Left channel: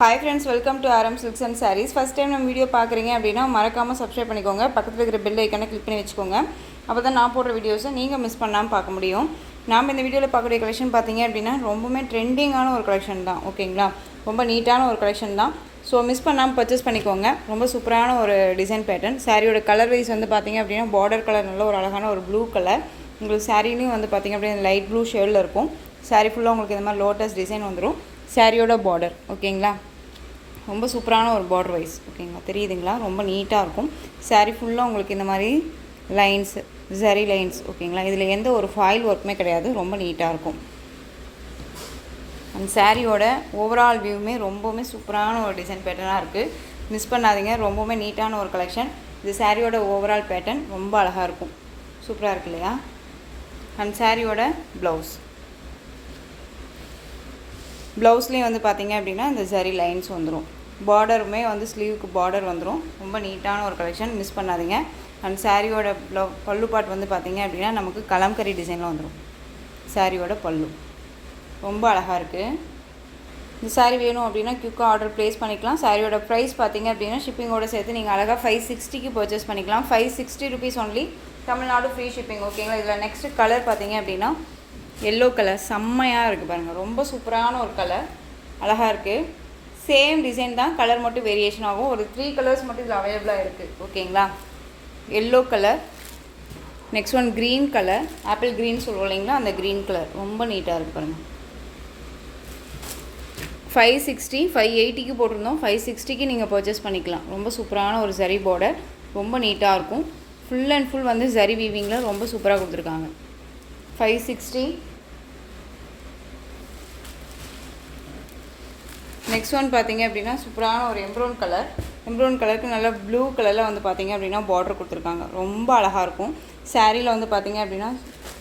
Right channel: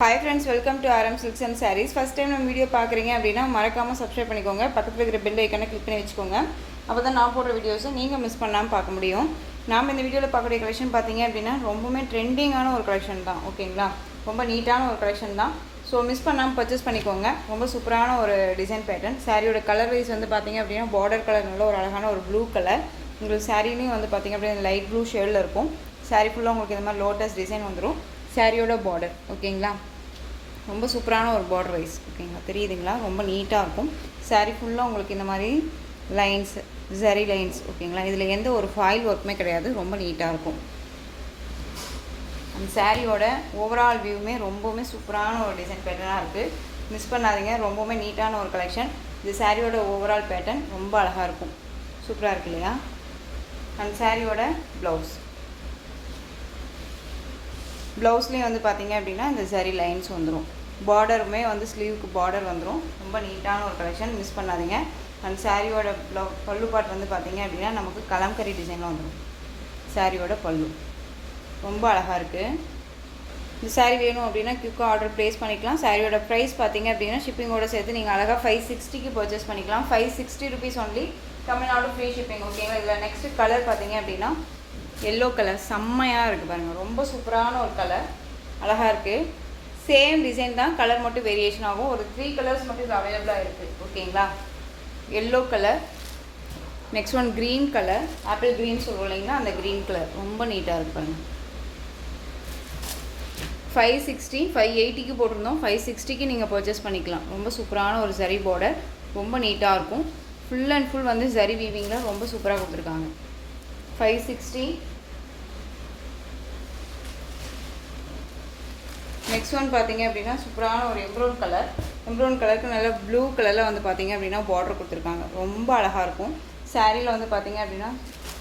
Hi friends, welcome to RM Silks and Sarees. First time நம்ம video பார்க்குறீங்க அப்படின்னா மறக்காமல் சப்ஸ்கிரைப் பண்ணிக்கோங்க. பக்கத்தில் இருக்கிற பெல் ஐக்கானை கிளிக் பண்ணி வச்சுக்கோங்க. அப்போ தான் நான் போடுற வீடியோஸை நீங்கள் மிஸ் பண்ணாமல் பார்க்க முடியும். நாம் இந்த வீடியோவில் பார்க்கக்கூடிய கலெக்ஷன் பார்த்தீங்க அப்படின்னா ரொம்பவுமே ட்ரெண்டிங்கான ஒரு கலெக்ஷன் தான். ஓகேங்களா, ரொம்ப நீட்டான ஒரு கலெக்ஷன் தான். ஸோ மிஸ் பண்ணாமல் பர்ச்சேஸ் பண்ணிக்கோங்க. ரொம்ப சூப்பரான ஒரு டிசைன் பேட்டர்ன். சாரியோட கலர் வைஸ் வந்து பார்த்திங்க அப்படின்னா பார்டர் கலர் நல்ல ஒரு அழகான ஒரு ப்ளூ கலர். உங்களுக்கு சாரிலையும் வந்து பார்த்திங்க அப்படின்னா லைட் ப்ளூ ஷேடில் இருக்கும். சாரி ஃபுல்லாக உங்களுக்கு இந்த மாதிரி லோட்டஸ் டிசைன் வந்துடும். சாரியோட பார்டர் ஓகேங்களா, ரொம்ப சூப்பரான ஒரு பார்டர் வைஸ் ஓகேங்களா, தெரியுதுங்களா, ரொம்ப நீட்டாக இருக்கும். சாரீ ஃபுல்லாக உங்களுக்கு இந்த மாதிரி லைன்ஸ், ஜரி லைன்ஸ் ஓகேங்களா, இதில் எந்த ஒரு ஃபாயில் ஒர்க்குமே கிடையாது, ரொம்ப நீட்டாக இருக்கும். அந்த சாரியோட ஓவரால் வியூவுமே ரொம்பவுமே சூப்பரான ஒரு டிசைன் பேட்டர்னாக இருக்குது. மிஸ் பண்ணாதீங்க, ரொம்பவுமே நீட்டான ஒரு கலெக்ஷன். இது சாரியோட ஓவரால் பேட்டர்ன் ரொம்ப அழகாக இருக்கும், சூப்பராக இருக்கு இல்லையா. அந்த சாரியோட ப்ளவுஸ்லேயும் வந்து பார்த்திங்க அப்படின்னா இந்த ஜரி லைன்ஸ் வந்துடும். பார்டருமே வந்து ஸ்லீவுக்கு பார்டர் வந்துடும். ரொம்ப நீட்டான ஒரு கலெக்ஷன், மிஸ் பண்ணாதீங்க. அண்ட் சாரியோட பல்லு பாட் வந்து பார்த்திங்க அப்படின்னா நமக்கு கலம்கரி டிசைனில் வந்துடும். சாரியோட பல்லு ரொம்ப அழகாக இருக்குது. இந்த சாரீ வேணும் அப்படின்னா குயிக்காக ஆர்டர் ப்ளேஸ் பண்ணிக்கலாம். சாரியோட ப்ரைஸ் பார்த்திங்க அப்படின்னா ஷிப்பிங்கோடு சேர்த்து நீங்கள் அழகாக 560க்கு பர்ச்சேஸ் பண்ணிக்கலாம். 560 rupees only, Tamil Nadu free shipping ஓகேங்களா. இதில் நெக்ஸ்ட்டு கலர் பார்த்திங்க அப்படின்னா எல்லோ கலர் செம்மையாக இருக்குது பாருங்கள், ரொம்ப சூப்பரான ஒரு கலர், அழகாக இருக்குது. சேம் டிசைன் தான், கலர் மட்டும் வேரியேஷன் ஆகும். ஒரு 3 கலர்ஸ் மட்டும் இது அவைலபிளாக இருக்குது ஓகேங்களா. Yellow colour, next one green colour, apple green சொல்லுவோம் இல்லைங்களா, அந்த க்ரீன் கலர் ரொம்ப நீட்டாக இருக்குது பாருங்கள். 560 580க்கு போட்டிருந்தோம், 560க்கு நீங்கள் பர்ச்சேஸ் பண்ணிக்கலாம். ரொம்ப சூப்பரான ஒரு ஜரி பார்டர், ரொம்ப நீட்டாக இருக்கும். ஃபுல் அண்ட் ஃபுல் வந்து ஜரி வீவிங்கில் ரொம்ப சூப்பராக கொடுத்துருக்காங்க. 560. நெக்ஸ்ட் ஒன் பார்த்திங்க அப்படின்னா சூப்பரான ஒரு எம்ப்ரௌன் கலருக்கு நல்லா ப்ளூ கலரில் வந்து பார்த்திங்க அப்படின்னா பார்டர் கொடுத்துருக்காங்க, ரொம்ப அழகாக இருக்கும். சாரியில் வந்து பார்த்திங்க அப்படின்னா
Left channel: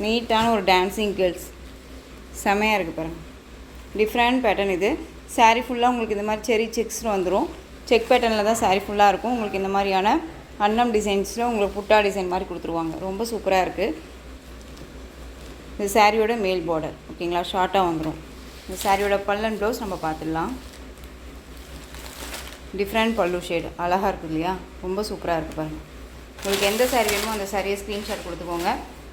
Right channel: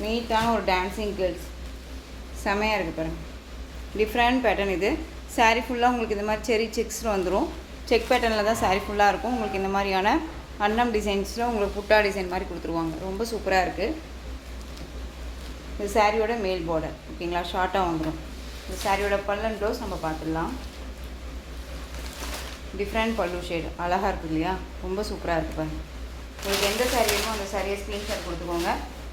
நீட்டான ஒரு டான்ஸிங் கேர்ள்ஸ் செமையாக இருக்குது பாருங்கள். டிஃப்ரெண்ட் பேட்டர்ன் இது. சாரீ ஃபுல்லாக உங்களுக்கு இந்த மாதிரி செரி செக்ஸில் வந்துடும். செக் பேட்டர்னில் தான் சாரீ ஃபுல்லாக இருக்கும். உங்களுக்கு இந்த மாதிரியான அன்னம் டிசைன்ஸில் உங்களுக்கு புட்டா டிசைன் மாதிரி கொடுத்துருவாங்க, ரொம்ப சூப்பராக இருக்குது. இந்த சாரியோட மேல் பார்டர் ஓகேங்களா, ஷார்ட்டாக வந்துடும். இந்த சாரியோட பல்லன் ப்ளவுஸ் நம்ம பார்த்துடலாம். டிஃப்ரெண்ட் பல்லு ஷேடு அழகாக இருக்குது இல்லையா, ரொம்ப சூப்பராக இருக்குது பாருங்கள். உங்களுக்கு எந்த சாரீ வேணுமோ அந்த சாரியை ஸ்க்ரீன்ஷாட் கொடுத்துக்கோங்க.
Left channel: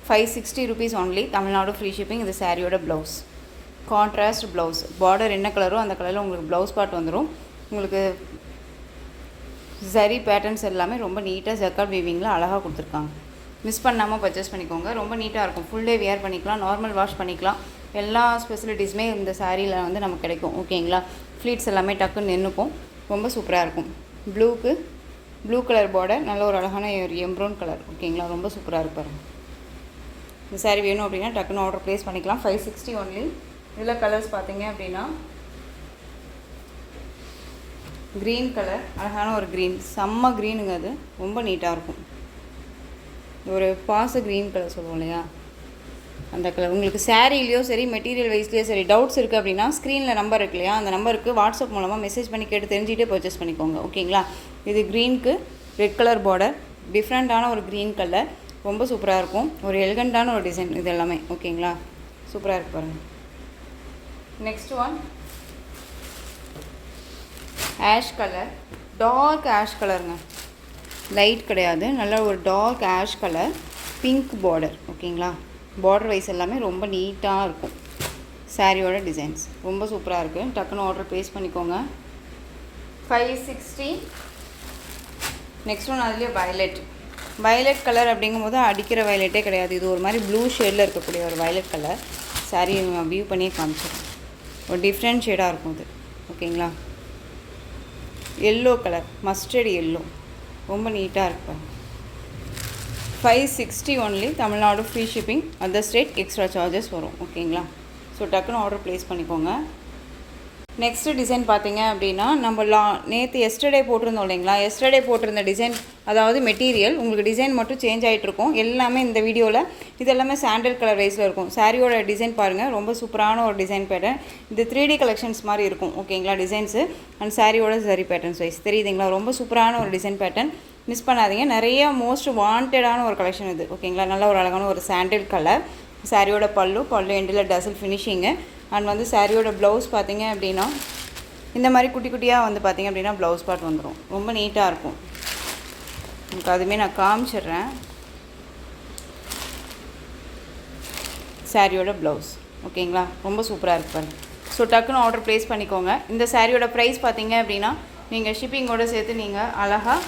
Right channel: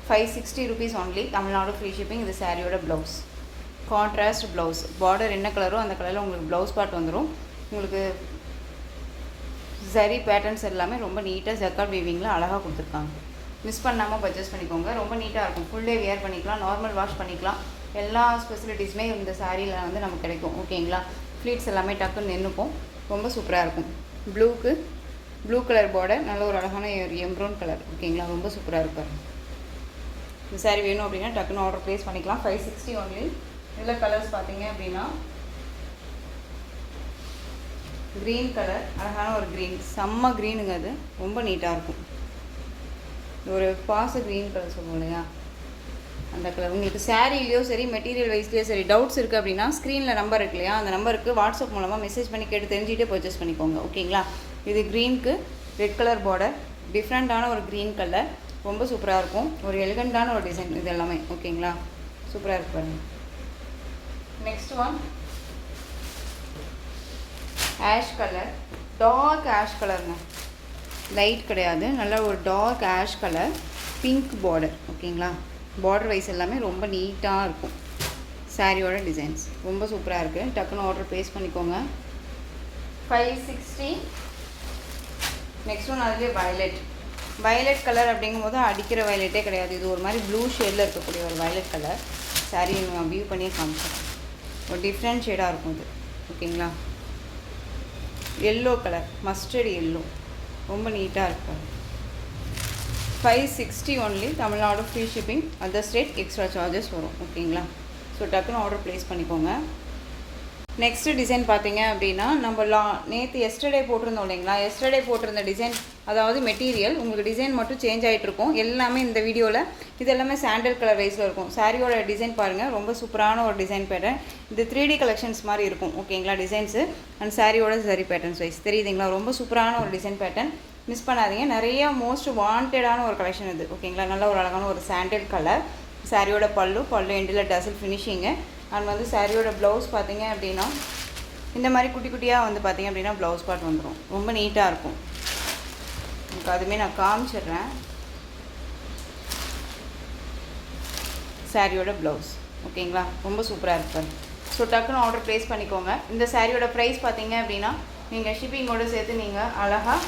560 rupees only, Tamil Nadu free shipping. இந்த சாரியோட ப்ளவுஸ் கான்ட்ராஸ்ட் ப்ளவுஸ், பார்டர் என்ன கலரோ அந்த கலரில் உங்களுக்கு ப்ளவுஸ் பார்ட் வந்துடும். உங்களுக்கு ஜரி பேட்டர்ன்ஸ் எல்லாமே ரொம்ப நீட்டாக ஜக்கார்ட் வீவிங்கில் அழகாக கொடுத்துருக்காங்க. மிஸ் பண்ணாமல் பர்ச்சேஸ் பண்ணிக்கோங்க, ரொம்ப நீட்டாக இருக்கும். ஃபுல் டே வியர் பண்ணிக்கலாம், நார்மல் வாஷ் பண்ணிக்கலாம். எல்லா ஃபெசிலிட்டிஸுமே இந்த சாரியில் வந்து நமக்கு கிடைக்கும் ஓகேங்களா. ஃப்ளீட்ஸ் எல்லாமே டக்குன்னு நின்றுக்கும், ரொம்ப சூப்பராக இருக்கும். ப்ளூ கலர் பார்டர், நல்ல ஒரு அழகான ஒரு எம்ப்ரௌன் கலர் ஓகேங்களா, ரொம்ப சூப்பராக இருப்பார். இந்த சாரீ வேணும் அப்படின்னா டக்குன்னு ஆர்டர் ப்ளேஸ் பண்ணிக்கலாம். 560 ஒன்லி. இதில் கலர்ஸ் பார்த்தீங்க அப்படின்னா க்ரீன் கலர், அழகான ஒரு க்ரீன், செம்ம க்ரீனுங்க, அது ரொம்ப நீட்டாக இருக்கும். ஒரு பாச க்ரீன் கலர் சொல்லுவோம் இல்லையா, அந்த கலர். உங்களுக்கு சாரீலையோ சரி மெட்டீரியல் வைஸ்லேயோ சரி டவுட்ஸ் இருக்குது அப்படின்னா ஸ்க்ரீனில் நம்பர் இருக்கு இல்லையா, அந்த நம்பருக்கு வாட்ஸ்அப் மூலமாக மெசேஜ் பண்ணி கேட்டு தெரிஞ்சுக்கிட்டே பர்ச்சேஸ் பண்ணிக்கோங்க ஓகேங்களா. இது க்ரீனுக்கு ரெட் கலர் பார்டர், டிஃப்ரெண்ட்டான ஒரு க்ரீன் கலர், ரொம்ப சூப்பராக இருக்கும். ஒரு எலிகண்ட்டான ஒரு டிசைன் இது எல்லாமே ஓகேங்களா, சூப்பராக இருக்கு பாருங்கள். Next one ash colour, dark ash கலருங்க, லைட் கிடையாது, நல்ல ஒரு dark ash colour, pink border ஓகேங்களா. பார்டர் வைஸ் எல்லாமே ரொம்ப நீட்டாக இருக்கும். சாரியோட டிசைன்ஸ் ரொம்ப சூப்பராக இருக்குது. டக்குன்னு ஆர்டர் ப்ளேஸ் பண்ணிக்கோங்க. 560. நெக்ஸ்ட் ஒன் அதுலேயே வயலட் கலர் அப்படிங்கும்போது அடிக்கிற வயலட்டே கிடையாது, இது ஒரு மாதிரி ப்ளூ ஷேடில் இருக்கக்கூடிய ஒரு வயலட் கலர். சாரி நான் வியூ பண்ணியே காமிச்சேன், ஒரு டிஃப்ரெண்ட் ஷேடாக இருக்கும் இது ஓகேங்களா. எல்லோ கலர், மஸ்டர்ட் எல்லோ, ரொம்ப நீட்டாக இருக்கும். 560 only, Tamil Nadu free shipping. Other state extra charges வரும் ஓகேங்களா. ஸோ டக்குன்னு ஆர்டர் ப்ளேஸ் பண்ணிக்கோங்க. நெக்ஸ்ட்டு டிசைன் பார்த்தீங்க அப்படின்னா நம்ம நேற்று எஸ்டர்டே போட்டிருந்தோம் இல்லைங்களா, எஸ்டர்டே போட்டிருந்த டிசைன், அதாவது மெட்டீரியல் உங்களுக்கு டிசைன் மட்டும் சேஞ்ச் ஆகிட்ருக்கும் எல்லாமே இந்த வீடியோவில். இது எல்லாமே சாண்டல் கலர் வைஸில் இருக்கும். சாரியோட டிசைன் பாருங்கள், ரொம்ப சூப்பரான ஒரு டிசைன் பேட்டர்ன். இது 3D கலெக்ஷன்ஸ் மாதிரி இருக்கும் ஓகேங்களா டிசைன்ஸு. அண்ட் சாரியோட ஜரி பேட்டர்ன்ஸ் வைஸ் தெரியுதுங்களா, ரொம்ப சூப்பரான ஒரு டிசைன் பேட்டர்ன், மிஸ் பண்ணாதீங்க. நிறைய மோஸ்ட் வாண்டடான ஒரு கலெக்ஷன் இது ஓகேங்களா. நல்ல ஒரு அழகான ஒரு சாண்டல் கலர். சாரியோட பல்லு எண்டில் டசல் ஃபினிஷிங்கு. அண்ட் வந்து சாரியோட ப்ளவுஸ் பார்த்தீங்க அப்படின்னா இந்த மாதிரி குட்டி குட்டியாக வந்து பார்த்திங்க அப்படின்னா ப்ளவுஸ் பார்ட் வந்துடும். ரொம்ப நீட்டாக இருக்கும். இப்போ அதுவுமே நான் காமிச்சிடுறேன். சாரியோட ப்ளவுஸ் ஓகேங்களா, ரொம்ப சூப்பராக இருப்பார். ஸோ டக்குன்னு ஆர்டர் ப்ளேஸ் பண்ணிக்கோங்க. இந்த சாரியோட ப்ரைஸ் பார்த்தீங்க அப்படின்னா நீங்கள் ஷிப்பிங்கோடு சேர்த்து நீங்கள் அழகாக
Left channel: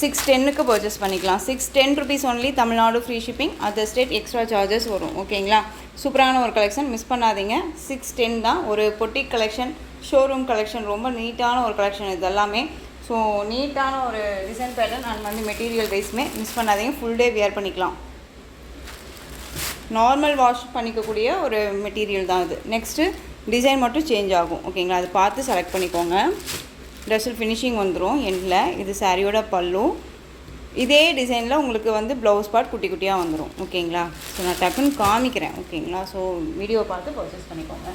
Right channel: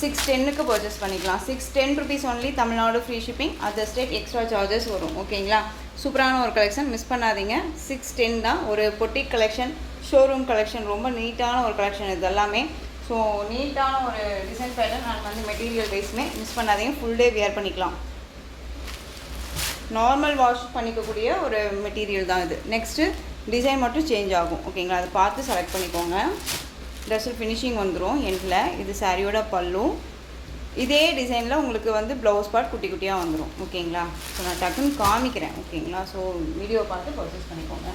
610க்கு பர்ச்சேஸ் பண்ணிக்கலாம். 610 rupees only. Tamil Nadu free shipping, other state extra charges வரும். ஓகேங்களா, சூப்பரான ஒரு கலெக்ஷன், மிஸ் பண்ணாதீங்க. 610 தான். ஒரு பொட்டிக் கலெக்ஷன், ஷோரூம் கலெக்ஷன், ரொம்ப நீட்டான ஒரு கலெக்ஷன் இது எல்லாமே. ஸோ நீட்டான ஒரு டிசைன் பேட்டர்ன் அண்ட் வந்து மெட்டீரியல் வைஸுமே மிஸ் பண்ணாதீங்க. ஃபுல் டே வியர் பண்ணிக்கலாம். நார்மல் வாஷ் பண்ணிக்கக்கூடிய ஒரு மெட்டீரியல் தான் இது. நெக்ஸ்ட்டு டிசைன் மட்டும் சேஞ்ச் ஆகும். ஓகேங்களா, அதை பார்த்து செலக்ட் பண்ணிக்கோங்க. ட்ரெஸ்ஸில் ஃபினிஷிங் வந்துடும் எண்டில். இது சாரியோட பல்லு. இதே டிசைனில் உங்களுக்கு வந்து ப்ளவுஸ் பார்ட் குட்டி குட்டியாக வந்துடும். ஓகேங்களா, ஸோ நான் டக்குன்னு காமிக்கிறேன். ஓகேங்களா, ஸோ வீடியோ பார்த்து பர்ச்சேஸ் பண்ணிக்கோங்க.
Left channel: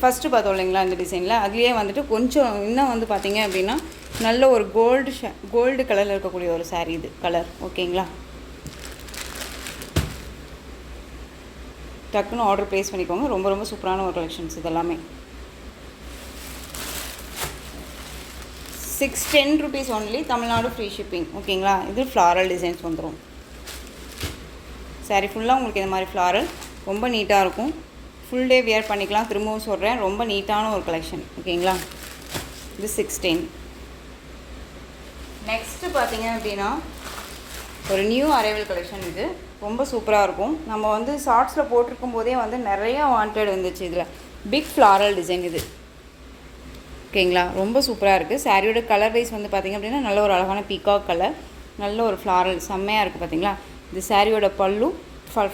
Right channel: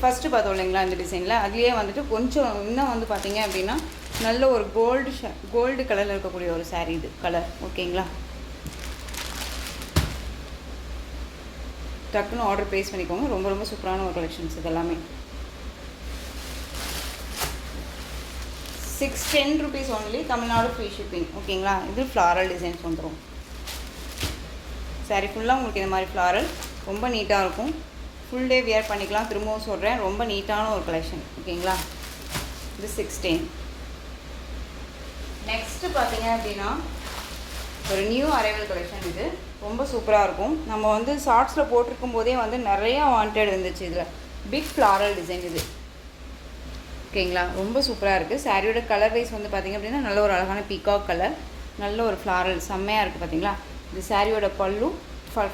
ஃபஸ்ட்டு பார்த்தோம் இல்லைங்களா இந்த டிசைனில், அதுலேயே வந்துட்டு கொஞ்சம் இன்னும் வந்து பார்த்திங்க அப்படின்னா நல்ல ஒரு கோல்டு கலரில் இருக்கக்கூடிய ஒரு சாரீ இது கலர். ஓகேங்களா, டக்குன்னு ஆர்டர் ப்ளேஸ் பண்ணிக்கோங்க. ரொம்ப ரொம்ப சூப்பரான ஒரு கலெக்ஷன்ஸ் இதெல்லாமே. 610 rupees only. Tamil Nadu free shipping. ஓகேங்களா, இது ஃப்ளாரல் டிசைன்ஸ் வந்துடும். சாரீ ஃபுல்லாக உங்களுக்கு இந்த மாதிரி ஃப்ளாரல் ரொம்ப நீட்டாக இருக்கும். ஃபுல் டே வியர் பண்ணிக்கலாம். திரும்பவும் சொல்கிறேன், ரொம்ப நீட்டான ஒரு கலெக்ஷன். ஓகேங்களா, இது 610. நெக்ஸ்ட்டு பார்த்தீங்க அப்படின்னா ஒரு நியூ அரைவல் கலெக்ஷன். இது ரொம்ப சூப்பராக இருக்கும். நம்ம வந்து ஷார்ட்ஸில் போட்டிருக்கும் போதே வந்து நிறையா வாண்டட் இருந்துச்சு. இதில் பிக் ஃப்ளாரல் டிசைன் இது. ஓகேங்களா, ரொம்ப சூப்பராக இருக்குது. சாரியோட கலர் வைஸ் வந்து பார்த்திங்க அப்படின்னா நல்ல ஒரு அழகான பீகாக் கலர், நல்ல ஒரு ஃப்ளாரல் செம்மையாக இருக்குது. பார்த்தீங்களா, இது சாரியோட பல்லு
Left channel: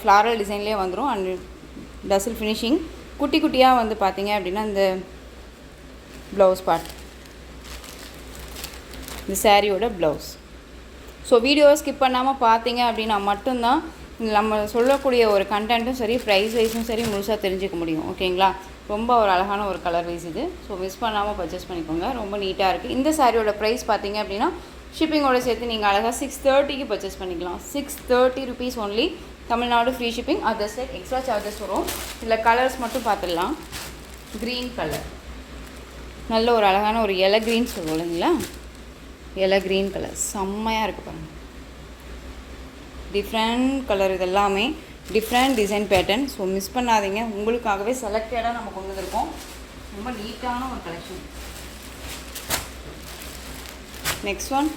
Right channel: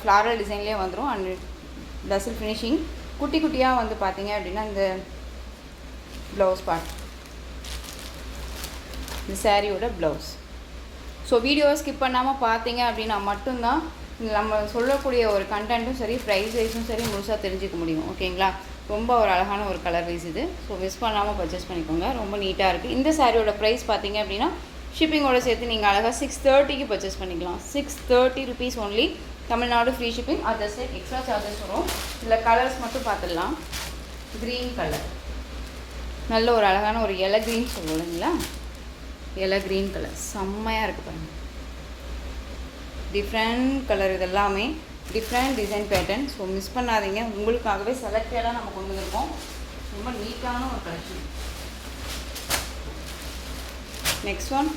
ஃப்ளாரல் டிசைன்லேயே வந்துடும். அண்ட் டசல் ஃபினிஷிங் குட்டி குட்டியாக வந்து பார்த்திங்க அப்படின்னா இந்த ப்ளவுஸ் பார்ட், இந்த சாரியோட ப்ளவுஸ். ஸோ வீடியோ ஸ்கிப் பண்ணாமல் பார்த்தீங்க அப்படின்னா மட்டும்தான் நம்ம சொல்லக்கூடிய ஒரு கண்டென்ட்டும் சரி, ப்ரைஸ் வைஸும் சரி முழுசாக தெரிஞ்சுக்க முடியும். ஓகேங்களா, ரொம்ப ஒரு அழகான ஒரு கலர் வைஸ் இது. ஸோ மிஸ் பண்ணாமல் பர்ச்சேஸ் பண்ணிக்கோங்க. ரொம்ப நீட்டாக இருக்குது. இந்த சாரியோட ப்ரைஸ் பார்த்தீங்க அப்படின்னா ஷிப்பிங்கோடு சேர்த்து நீங்கள் அழகாக 630க்கு பர்ச்சேஸ் பண்ணிக்கலாம். 630 rupees only. Tamil Nadu free shipping, other state extra charges வரும். இதில் கலர்ஸ் மட்டும் பார்த்துடலாம். க்ரீன் கலர், நல்ல ஒரு அழகான ஒரு எலை க்ரீன் சொல்லுவோம் இல்லைங்களா, எலை க்ரீன் கலர் செம்மையாக இருக்குது பாருங்கள். டிஃப்ரெண்ட் கலர், இதெல்லாமே different design pattern. So miss பண்ணாதீங்க. உங்களுக்காகவே செலக்டடாக நம்ம கொண்டு வந்திருக்கோம். ரொம்ப நீட்டான ஒரு கலெக்ஷன். நெக்ஸ்ட் ஒன்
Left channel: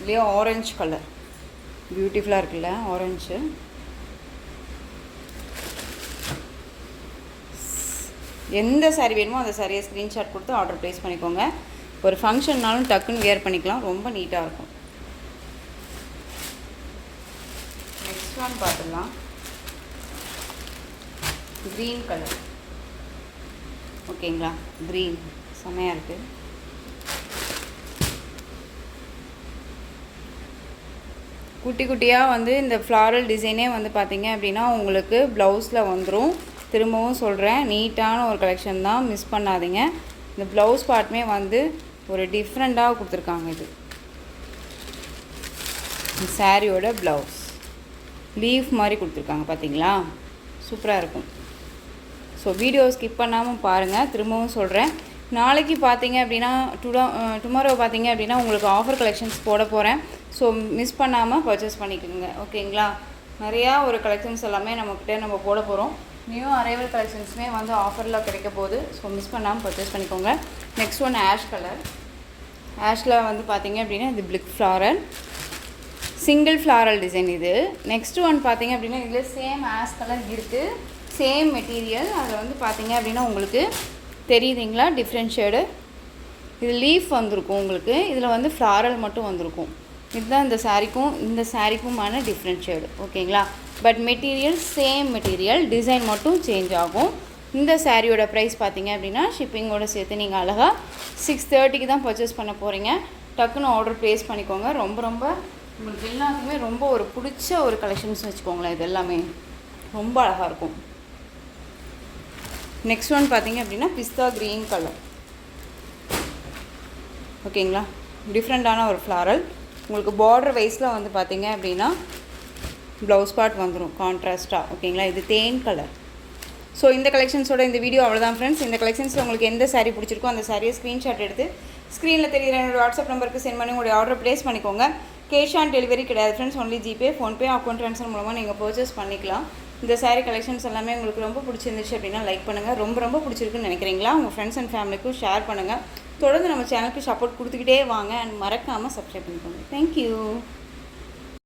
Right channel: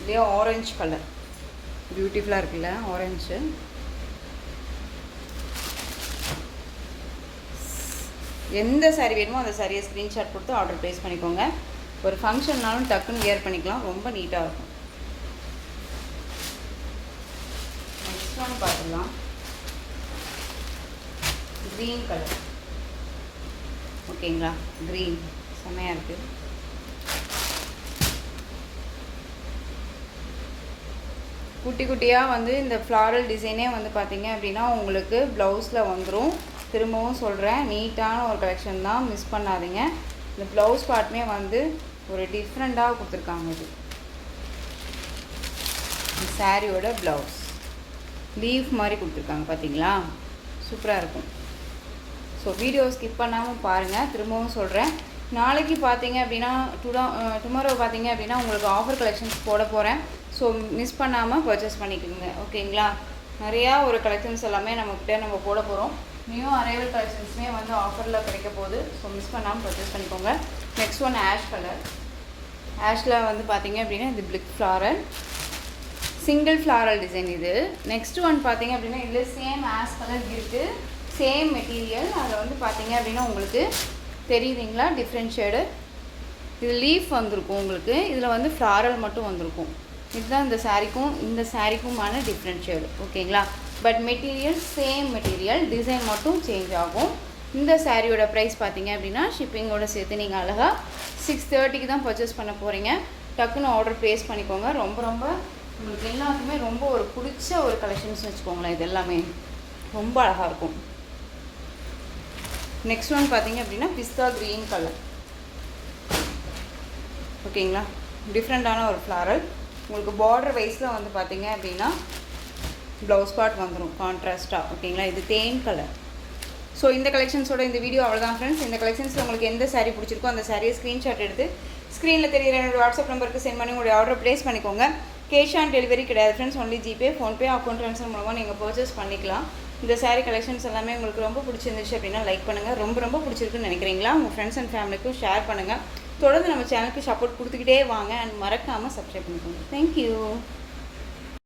இல்லையா, ஆரஞ்சு கலர் பியூட்டிஃபுல்லாக இருக்குல்ல ஆரஞ்சு. எந்த சாரீ வேணுமோ அந்த சாரியை ஸ்க்ரீன்ஷாட் கொடுத்து ஆர்டர் ப்ளேஸ் பண்ணிக்கோங்க. ஒரு ஃபங்க்ஷன்னாலும் டக்குன்னு வியர் பண்ணிக்கலாம். ரொம்ப நீட்டாக இருக்கும். நெக்ஸ்ட் ஒன் பார்த்துக்கலாம். Green colour. ஓகேங்களா, க்ரீன் செம்மையாக இருக்குது. குட்டி குட்டியாக வந்து இந்த ஃப்ளாரல் டிசைனே வந்து பார்த்திங்க அப்படின்னா உங்களுக்கு ப்ளவுஸில் வந்துடும். திரும்பவும் சொல்கிறேன், நீட்டான ஒரு கலெக்ஷன் தான், மிஸ் பண்ணாதீங்க. இந்த ப்ளவுஸ் பார்ட்டுமே வந்து ஒரு டிஃப்ரெண்ட்டாக கொடுத்துருக்காங்க. இது சாரியோட ப்ளவுஸ் லீஃப் மாதிரி கொடுத்துருக்காங்க. பார்த்தீங்களா, சூப்பராக இருக்கும். ஸோ வீடியோ ஸ்கிப் பண்ணாமல் பாருங்கள். திரும்பவும் சொல்கிறேன், நாளைக்கு பார்த்தீங்க அப்படின்னா டுமாரோ பார்த்தீங்க அப்படின்னா உங்களுக்கு ஆஃபர் கலெக்ஷன்ஸ் போட போகிறேன். ஸோ மிஸ் பண்ணாமல் பர்ச்சேஸ் பண்ணிக்கோங்க. ஓகேங்களா, நிறையா ஒரு கலெக்ஷன்ஸ் எல்லாமே நம்மக்கிட்ட நம்ம போட போகிறோம். நியூ அரைவல் கலெக்ஷன்ஸுமே வந்து ஆஃபரில் கிடைக்க போகுது. ஸோ மிஸ் பண்ணாமல் பர்ச்சேஸ் பண்ணிக்கோங்க. Next one ash colour. ஆஷில் வந்து பார்த்திங்க அப்படின்னா இது பிளிக் ஃப்ளாரல், சிங்கிள் ஃப்ளாரல் டிசைன் இது. நெக்ஸ்ட் ஒன் பார்த்திங்க அப்படின்னா இதில் சேம் ஆஷ் கலர் இருக்குது, சேம் மெட்டீரியல். அதில் வந்து பார்த்திங்க அப்படின்னா உங்களுக்கு தெரியுதுங்களா டிஃப்ரெண்ட் ஷேடு. இது லீஃப் வந்திருக்கும் உங்களுக்கு, இதில் வந்து ஃப்ளாரல் மட்டும் வந்திருக்கும். இதுதான் இந்த சாரீக்குமான டிஃப்ரெண்ட் ஷேடு. ஓகேங்களா, but material same material, design மட்டும் சேஞ்ச் ஆகும். இந்த சாரியோட ப்ரைஸ் பார்த்தீங்க அப்படின்னா ஷிப்பிங்கோடு சேர்த்து நீங்கள் அழகாக 630க்கு தான் பர்ச்சேஸ் பண்ண போகிறீங்க. டக்குன்னு ஆர்டர் ப்ளேஸ் பண்ணிக்கோங்க. ரொம்ப ரொம்ப உங்களுக்கு எல்லாத்துக்குமே ரொம்ப ஒரு பிடிச்ச ஒரு கலெக்ஷன்ஸ் வச்சுக்கோங்களேன். இது எல்லாமே ரொம்ப அழகாக இருக்கும். நெக்ஸ்ட் ஒன் பார்த்தீங்க அப்படின்னா பிஸ்தா க்ரீன் கலர். ஓகேங்களா, டிஃப்ரெண்ட்டான ஒரு ஃப்ளாரல். உங்களுக்கு பார்டர் வைஸில் வந்து பார்த்தீங்க அப்படின்னா ப்ளவுஸ் பார்ட் வந்துடும் கான்ட்ராஸ்ட்டாக. ஓகேங்களா, இது தேன் கலர். ஸோ இந்த கலெக்ஷன்ஸோட இந்த வீடியோ அவ்வளோதான் ஃப்ரெண்ட்ஸ். இந்த கலெக்ஷன்ஸில் உங்களுக்கு எந்த saree பிடிச்சிருக்கோ அந்த சாரியை ஸ்க்ரீன்ஷாட் எடுத்து ஸ்க்ரீனில் தெரியுற என்னோட வாட்ஸ்அப் நம்பருக்கு சென்ட் பண்ணி உங்களுடைய ஆர்டர் ப்ளேஸ் பண்ணிக்கோங்க. கேஷ் ஆன் டெலிவரி கிடையாது friends, only GPay, PhonePe, account transfer மூலமாக நீங்கள் பர்ச்சேஸ் பண்ணிக்கலாம். இந்த saree கலெக்ஷன்ஸ் எல்லாமே உங்களுக்கு ரொம்ப பிடிச்சிருந்துச்சு அப்படின்னா லைக் பண்ணுங்கள். ரொம்ப பிடிச்சிருக்குன்னு நினைக்கிறீங்களா உங்கள் ஃப்ரெண்ட்ஸ் அண்ட் ஃபேமிலிக்கும் ஷேர் பண்ணுங்கள். தொடர்ந்து நம்ம சேனலுக்கு சப்போர்ட் கொடுத்துக்கிட்டே வாங்க அண்ட் மறக்காமல் சப்ஸ்கிரைப் பண்ணிக்கோங்க. தேங்க்யூ.